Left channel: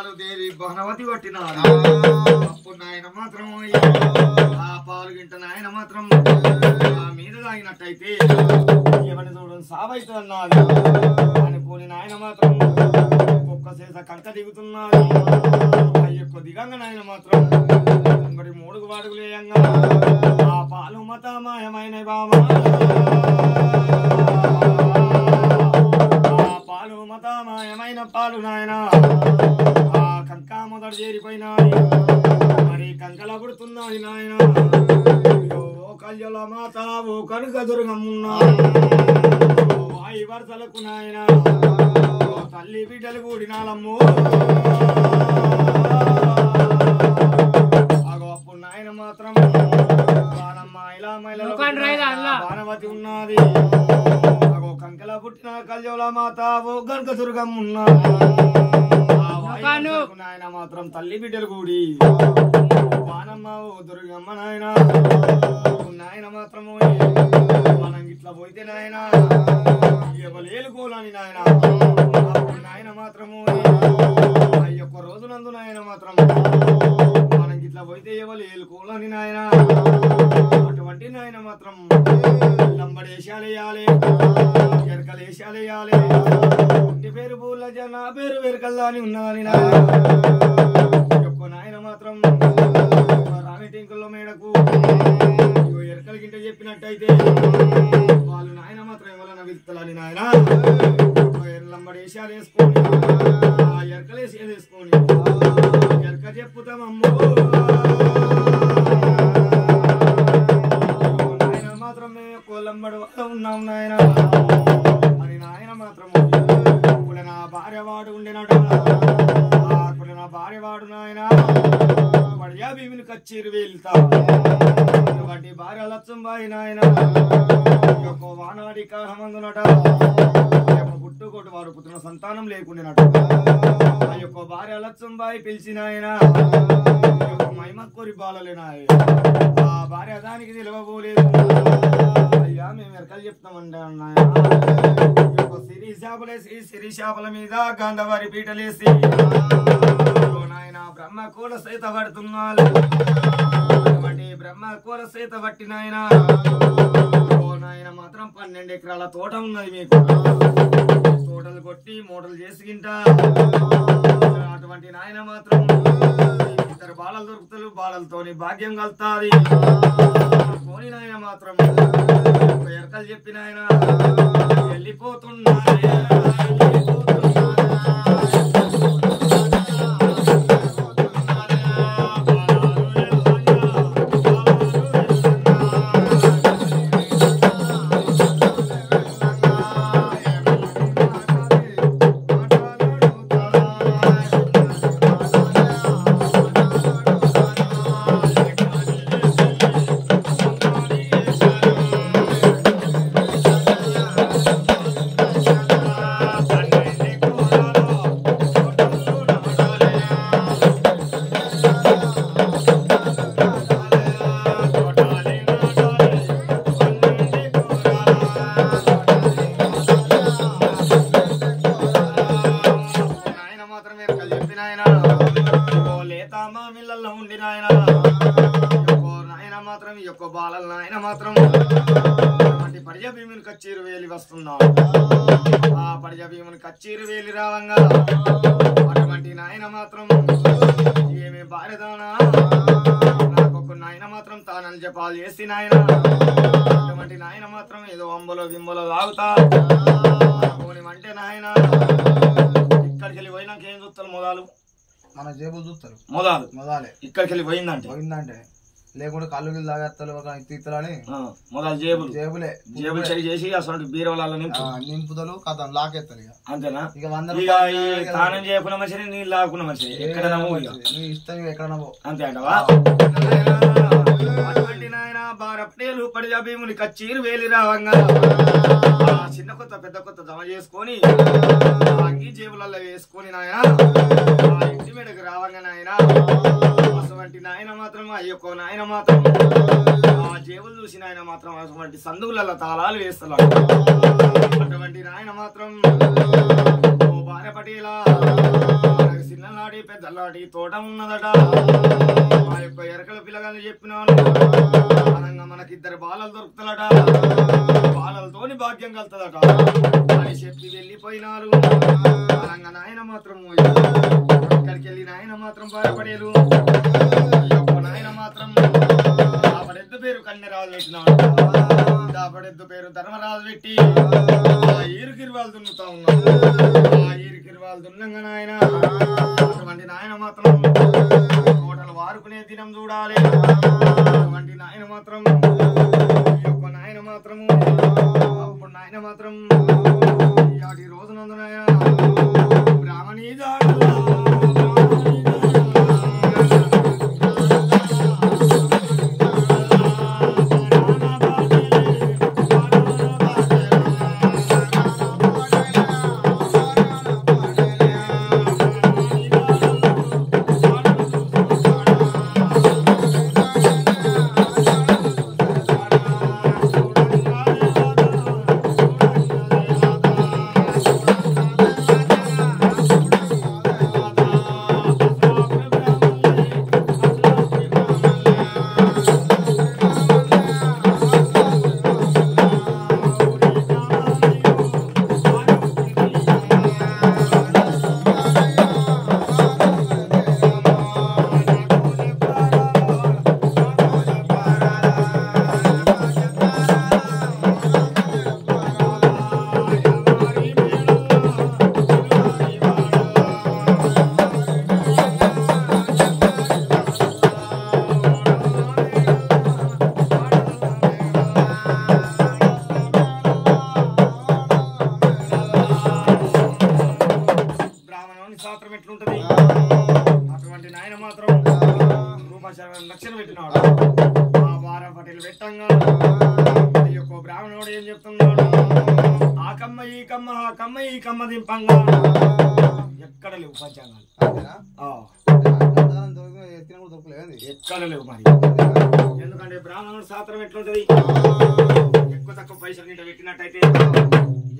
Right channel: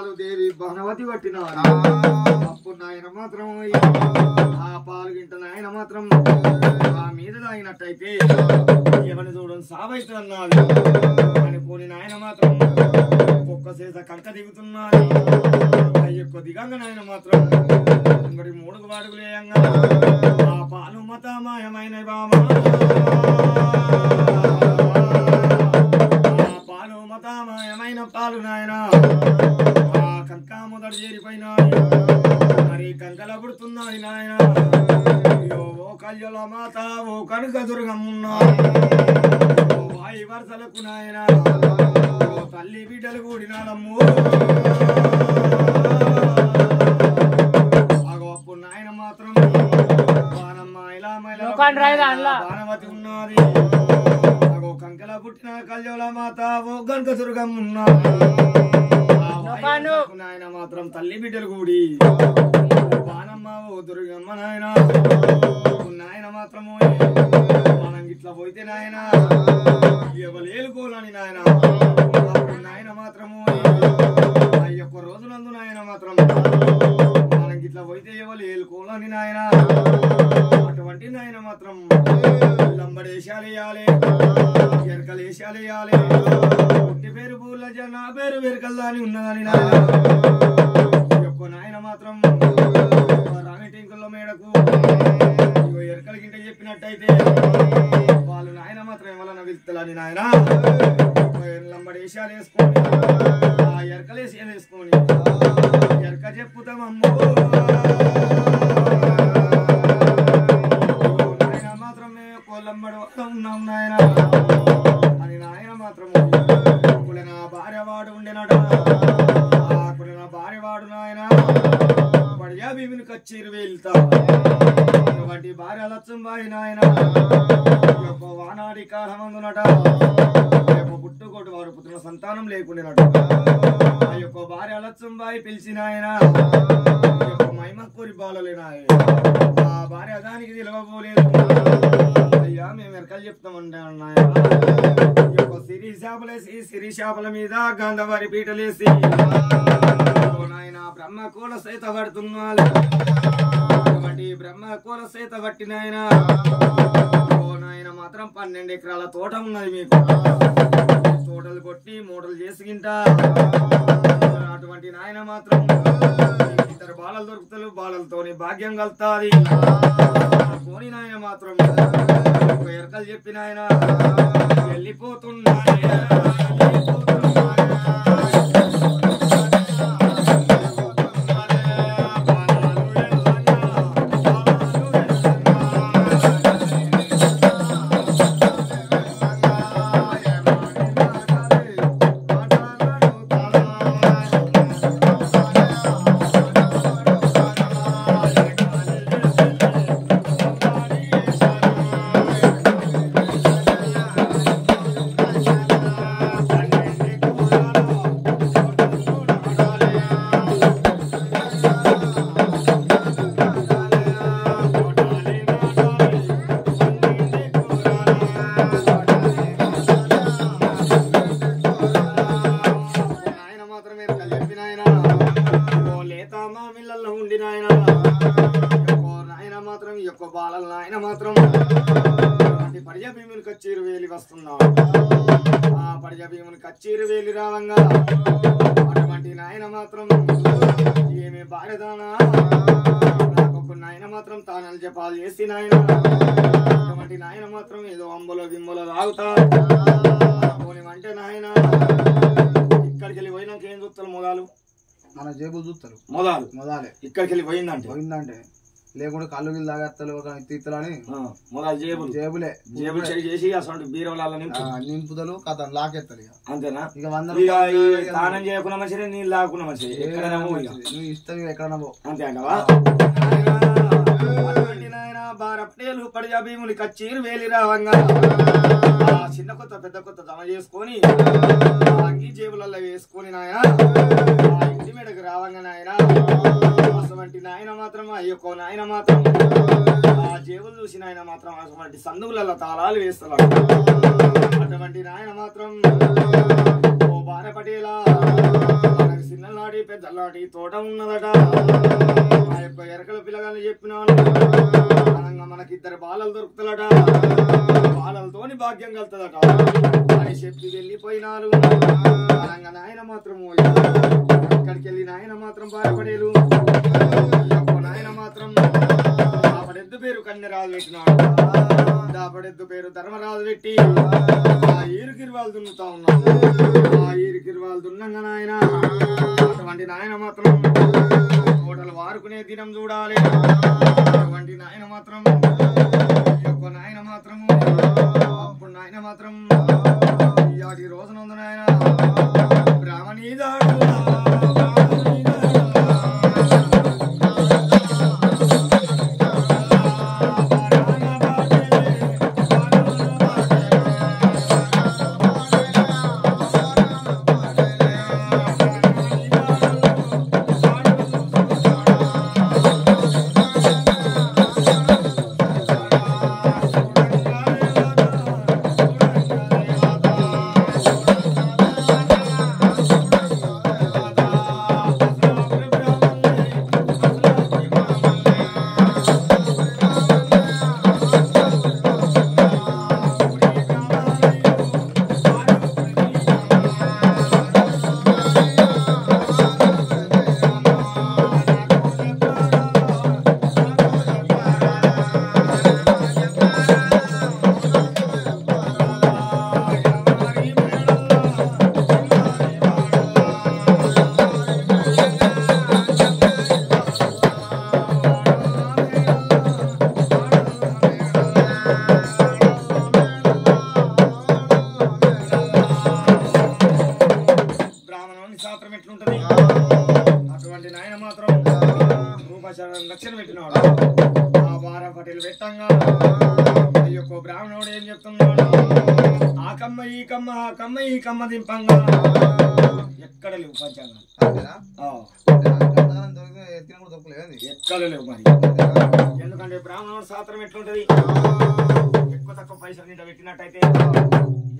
పాలు దేవి బహనవతి పట్టిన అప్పుడు నాయన మాత్రం ఆ పాలు గింట నాయన మాత్రం ఆ మీద తాగినట్టయితే ఎవరిని చూడని సావైతుందన్నది అనుకోని నాయన మాత్రం ఒక్క చేత కంట దిగుతున్నది ఆ యొక్క దిగంగా నాయన మాత్రం మరి 3 వాడుగులు వేయంగా ఆ పాలు మతమాయమైన బామా పాలు మతమాయమైన పాలు నాయన ఆ కంక మొదలు చేరిపోయినాయి మరి కంకల పుడుతున్నాయి నాయన ఓ కళ్యాణ మాత ఓ కనుక దుర్గమ్మున్నా వాయి వరసలకు నాయన తల్లి బిడ్డలు కూడినాలమ్ము అప్పుడు నాయన మాత్రం బాణమ్మ ఇలా మైల బాణవతి ఉన్నది కంకల పుట్టిన కళ్యాణ మాత ఓ కనుక దుర్గమ్మున్నా నాయన మాత్రం తల్లి బిడ్డలు కూడి బాణమ్మ ఓ దుర్గమ్మ నాయన నాయన మాత్రము మనం ఇట్లా పోయితే నాయన ఎవలేలుకోలని నాయన నాయన మాత్రము ఆ యొక్క రోజునందు నాయన మాత్రం మనం ఇట్లా పోయితే ఎవరు ఏలుకోలని నాయన అటువంటి నాయన మాత్రం లంబడేశాలేయాలి ఎరకలేశాలేయాలి ఇంటి పేరు పూల జన పేరు వెరకల్లా అని ఉన్నదని నాయన మాత్రం రాణి టెంకుల మేడకు ఎరకల గింట చెప్పినట్టయితే వాళ్ళు నాయన మాత్రం ఎవరన్నా వెళ్తాలని నాయన లంబడేశాలు వేసుకొని ఆ ఎరకలేసాలు వేసుకొని ఎరక చెప్పుతామమ్ము నాయన మాత్రం లంబడి ఉన్నాం నాయన అని నాయన మాత్రం ఇప్పుడు నా భార్య వాడు ఉండేనట అప్పుడు నా భార్య వాడు నాయన పడియా భీమిని కచ్చేరు వెళ్తా అటువంటి భార్య లచ్చంబాయి నాయన యొక్క వానాడి కాలమందునట ఆ యొక్క పుట్టుకోటి వారు పుట్టిన సంతానం లేకుండానట ఆ యొక్క భార్య లచ్చంబాయి పిలిచిన ఆయన మహిమ కోరి బాలలేనాయ ఆ భార్య దానికి నిలవబోలేదు అయ్యా మేము ఎరకలు చెప్తామంటే అన్నాయ సిరి చేపలేసి సిరి చేపల మీద గంధవారి పీటలేసి నాయన బ్రహ్మ కూల సైత పడుతున్నాడు అటువంటి బ్రహ్మ కూల సైత పట్టినాయన ఓ నాయన మాత్రం 12 ఎకరాల తోట ఉన్నది మీకు తోటలు కొట్టి మూటలు చేసుకుంటా అటువంటి నాయన మాత్రం ఇద్దరు బాలలు దొరుకుతారు బాలలతోని భాగ్యం కలుతాది కోని నాయన మాత్రం ఎరకలు చెప్పిన ఆయన వెళ్ళిపోతున్నా కచ్చేరు వేలి వస్తున్నాడు ఆ పడిజ భీముని కచ్చేరు వేలి రావంగా అటువంటి నాయన మాత్రం ఏమే భార్యదానా నాకొక నాయన మాత్రం తానలు జపాలు చేసి నాయన అటువంటి నాయన మాత్రం ఏదో అంబలో గిమ్మలో తాగుతా అంటే నాయన ఇక్కడికి వెళ్ళి పోయినాక ఏం చూస్తారు మొదలు మన జేబులు చూస్తారు మొదలే ఇక్కడికి వెళ్ళి పోయిందంటే లేకుంటే కళ్ళు గిల్లు తాగేస్తారు ఒక తీర్థలని మొదలు జేబులే చెడి చేసి అసలు బీరవల నింపుదలు కథ లాకేస్తారు అంతేనా ఇక స్నానం చేయకుండా మంచిది నీళ్ళు లాక్కున్న మంచిది ఎక్కడ నవ్వు ఇష్టం ఎక్కడ నవ్వు అంతే అంటవా నాయన బారపటేలు పడిజా భీముని కచ్చీరు వేలి రావంగా చిన్న కొత్త పెద్ద కొత్త జమ చేసుకొని అంగీ జేబులలో వేసుకొని నాయన ఇంటి మీదకి రావంగా నాయన అటువంటి నాయన మాత్రం అయ్యొక్క నాయన మాత్రం ఆ జేబులు చూసిన ఆయన మాత్రం అటువంటి సందుగులలో తాళాలు వేస్తున్నాడు అటువంటి నాయన మాత్రం ఓ బార పటేలా చిన్న చిన్ననాటి పెద్దనాటి తోట ఉన్నదట ఆ యొక్క ఎరకల పిల్లగాని చెప్పినాను మనకిద్దరు బాలలు దొరుకుతాడట బాలలతోని భాగ్యం కలుతుందట అని చెప్పి వెళ్ళిపోయినారు నాయన మాత్రం అక్కడికి వెళ్ళి నాయన మాత్రం బాధపడేలు ఈ యొక్క నాయన మాత్రం దాపడెద్దు పేరు కన్యరాజు పెట్టినాడు దాపడెద్దు పేరు ధర్మరాజు పెట్టి ఆ ఈరుకిరివాళ్ళు దున్నుతా ఉన్నాడు ఆ ఈరుకిరివాళ్ళు దున్నంగా నాయన అటువంటి నాయన మాత్రం తోటలు వారుకునే దినం చూడాలి అటువంటి నాయన మాత్రం ఈ యొక్క నాయన మాత్రము అప్పుడు నాయన మాత్రం ఈ రోజునందు నాయన బ్రాహ్మణీ దాడులా అటువంటి నాయన మాత్రం రక్షణ పెట్టినాడు ఆ వారం పటేలు పెట్టంగా ఈ యొక్క బ్రాహ్మణుడు ఏం చెప్తున్నాడు ఆ కమ్మ ఈ కమ్మ ఆ కమ్మ ఈ కమ్మ దింపంగా ఎక్కడ లేవు పంచాంగాలు ఎక్కడ లేవు మరి ఎందుకంటే బ్రాహ్మణుడు శాస్త్రం ఎట్లుంటది ఎక్కువ తక్కువ పైసలు నీట పెట్టినట్టయితే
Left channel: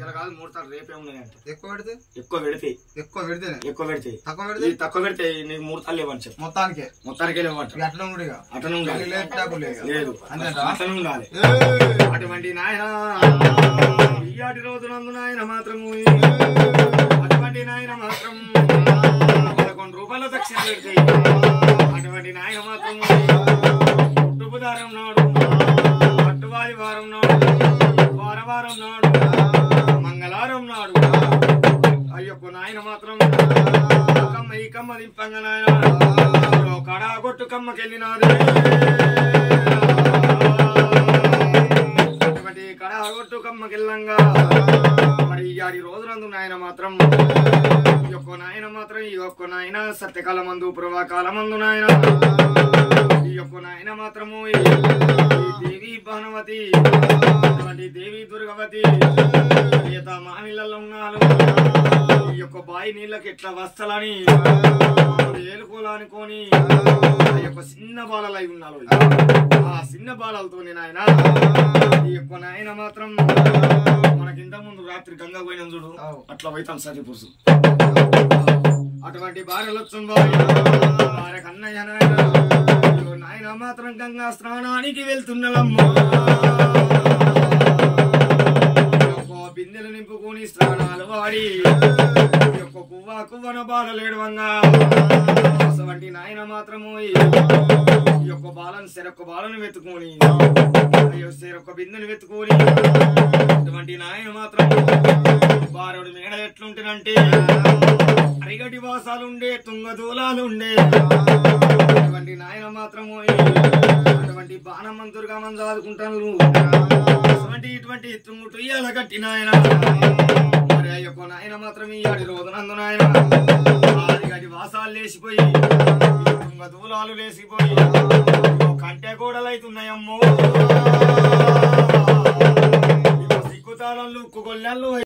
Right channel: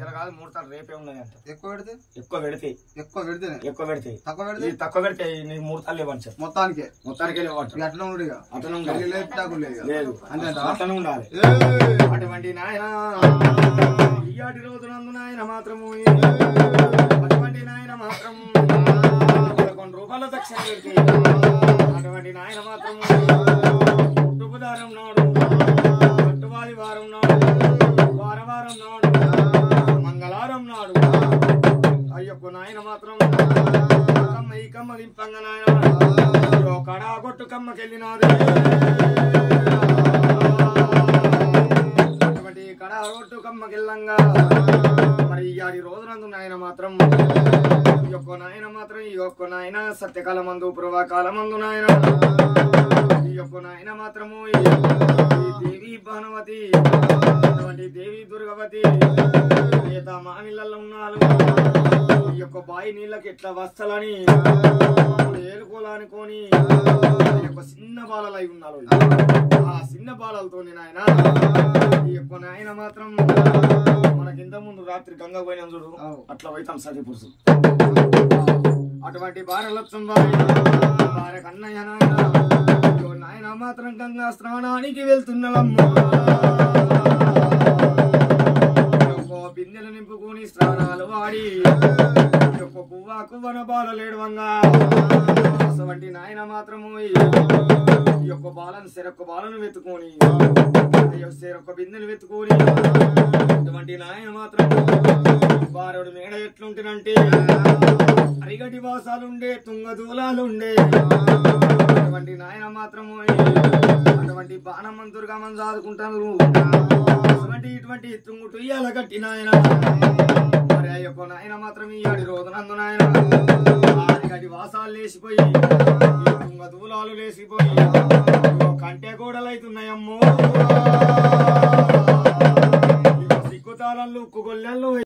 ఇలా కాదు ముహూర్తాలు రేపే ఉన్నాయి అంట ఎక్కువ పెడితే తక్కువ పెడితే నీకు ముహూర్తాలు లేవని చెప్పి మొత్తానికి లేవంట అట్లా ఉండాలి లేదు అట్లా ఉండాలి అటువంటి నాయన ఈయాటి రోజునందు నాయన మాత్రము అటువంటి నాయన మాత్రం 11 రూపాయల దక్షిణ పెడితే అటువంటి నాయన మాత్రము పుట్టుపుదారం నాడు పట్టువారి వారం నాడు వారం నాడు మంగళవారం నాడు అయ్యొక్క నాయన మాత్రం కమ్మ ఈ కమ్మ దింపంగా నాయన కడా కొట్టు కమ్మకెళ్ళినాది అటువంటి కడా కొట్టు కమ్మకెళ్ళంగా మరి ఈ రోజునందు నాయన మాత్రం ఈ యొక్క నాయన మాత్రం ఈ యొక్క నాయన సత్యకాల మందు పూర్వకాల మందు నాయన ఈ యొక్క నాయన మాత్రము ఈ దేవి భానుమతి అటువంటి దేవి దుర్గవతి ఈత మామిళ్ళల్లో ఉన్నారు ఈ యొక్క బాయి నీళ్ళకి ఎట్లా వస్తలని ఏలుకోలా అనుకొని ఆ యొక్క చిన్న బాలలు అయి ఉన్నారు ఆ చిన్న బాలలతో నాయన ఈ యొక్క నాయన మాత్రం మనకింత ముందు రాత్రి గంగ పోయిన చూడు అట్లా పోయితాం సరిపురుసు అటువంటి భార్యలొచ్చు భార్య కన్నయ్య నాయన నాయన మాత్రం గంగా స్నానానికి వెళ్తున్నలమ్మా బిందెలు నింపుకొని స్నానాలు వాడి కువ్వన బాలలేడవంగా అటువంటి నాయన మాత్రము ఈ యొక్క చెరొక్క బాలను వెతుకొని చెరొక్క బిందెలు వెతుకొని అటువంటి నాయన మాత్రం బారుడు మేడ ఎట్లుంటేనంటే అరిగటి వాసాలుండే తుంగదూలాలుండే అటువంటి నాయన మాత్రము అటువంటి బాణమంతురుగా మనం చదువుకుంటాను అటువంటి ఇటువంటి తుంగుటు ఇయ్యాల కట్టి నాయన మరి ఆ యొక్క నాయన మాత్రం ఇయ్యాడి రోజునందు నాయన అరిగటి వాసాలు లేచిపోయి తుంగదూలాలు లేచిపోయి కంటే కూడలైతున్నాయమ్మో సిక్కుతాళాలు ఉక్కు గొల్లెళ్ళు